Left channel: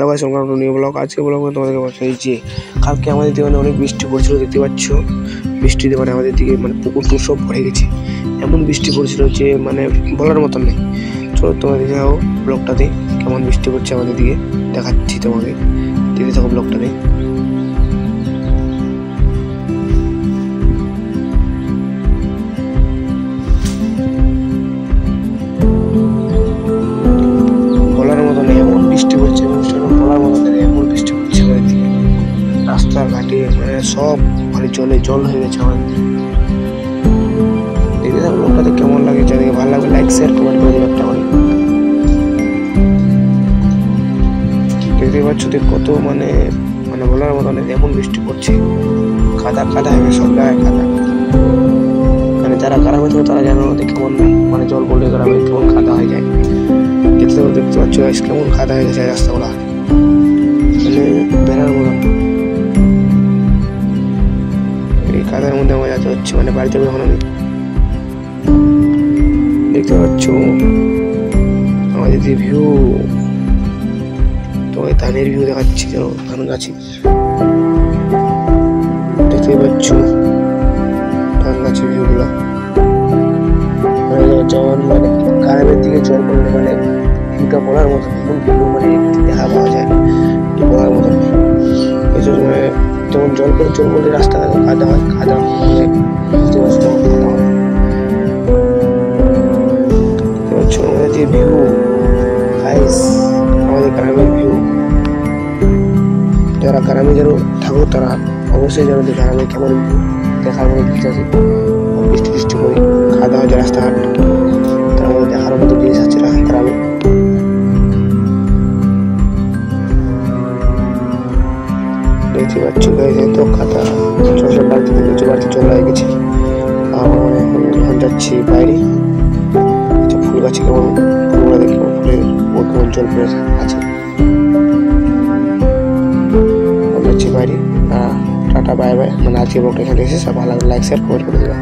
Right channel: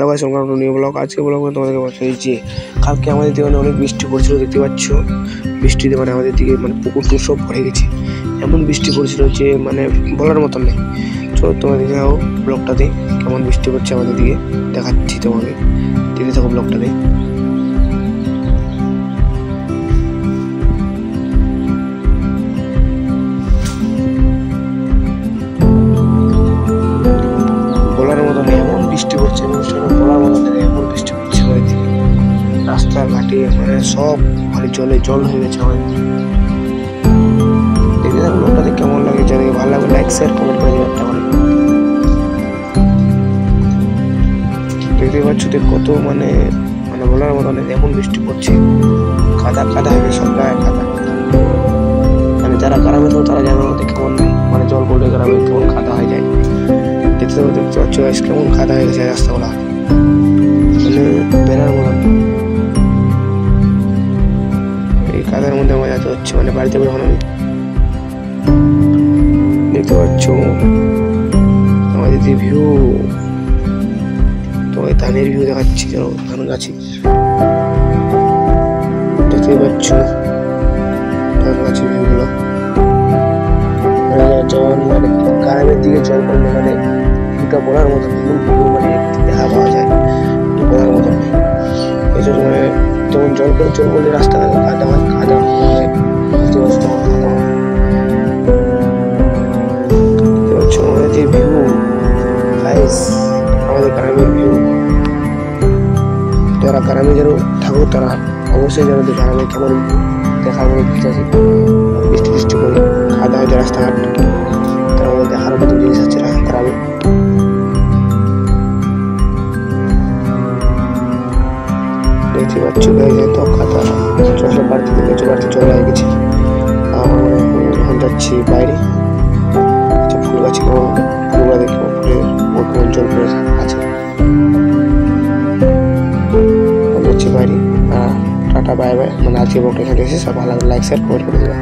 Hello guys, welcome to new blog. আজকে ব্লগে তোমাদেরকে বলছি যে কালকে আমাদের দিকে অনেক বৃষ্টি পড়ছিল, দেখতে পাচ্ছ। বৃষ্টিতে আমাদের দিকে পুকুর টুকুর সব ভরে গেছে, এমন বৃষ্টি পড়ছিল যে বলার মতন নেই। চলো তোমাদের যাও ব্লগটাতে কেমন বৃষ্টি পড়ছে আমাদের দিকে দেখাচ্ছি তোমাকে, দেখতে থাকো ব্লগটাতে। বলার মতো নেই, এমন বৃষ্টি পড়ছে, বলার মতো নেই, এমন বৃষ্টি পড়ছে আমাদের দিকে। রাস্তাঘাটে সব জল হয়ে গেছে আমাদের। দেখতে থাকো ব্লগটাতে কেমন লাগে, যাদেরকে ভালো লাগবে লাইক শেয়ার কমেন্ট করে দেবে একটা করে। দেখতে পাচ্ছ কত বলার মতো নেই, এমন বৃষ্টি পড়ছে, কাদা কাদা হয়ে গেছে, সব জায়গায় কাদা। যারা গ্রামে থাকো তারা জানো কেমন জল পড়লে গ্রামে কেমন কাদা হয়ে যায়। দেখতে পাচ্ছ কেমন কাদা হয়ে গেছে রাস্তাগুলা, বেড়ার মতন। এই কাদার মধ্যে আমার যেতে হচ্ছে, বাড়িতে যখন আমি দেখতে পাচ্ছ আমাদের যে ভিউ, তোমাকে ধানের ভিউ দেখাচ্ছি, ধান গাছে দেখতে পাচ্ছ ধান গাছের ভিউ গুলো। যেমন গ্রামের দিকে জল পড়লে ভিউটা বলার মতন, ভিউ দেখা পাওয়া যায়, বলার মতন নেই। যেমন জল পড়লে রাস্তাঘাটে কাদা হয়, কাদা হয়ে বুঝতে পারছো তখন কাদা হয়। দেখতে পাচ্ছ আমাদের যে ভিউ গাইস, আমাদের গ্রামের ভিউ। যারা গ্রামে থাকো তারা অবশ্যই জানো যে গ্রামে কেমন ভিউ দেখার মতো জিনিস আছে। বৃষ্টি বৃষ্টি করে কাদা হয়েছে রাস্তাঘাট, তার মধ্যে দেখার মতো জিনিস আছে গ্রামে। দেখতে পাচ্ছ গাইস, এত কাদা, সব বাড়িতে চলে গেছে। আমার এখন যাচ্ছি বাইরে, ফুল গাছে কেমন ফুলগুলো দেখে ফুলের কেমন জল পড়ে আছে। যাচ্ছি বাইরে। Tata bye bye. আজকে ব্লগটা এখানে এসে সব ভালো লাগলে লাইক শেয়ার কমেন্ট করে দেবে।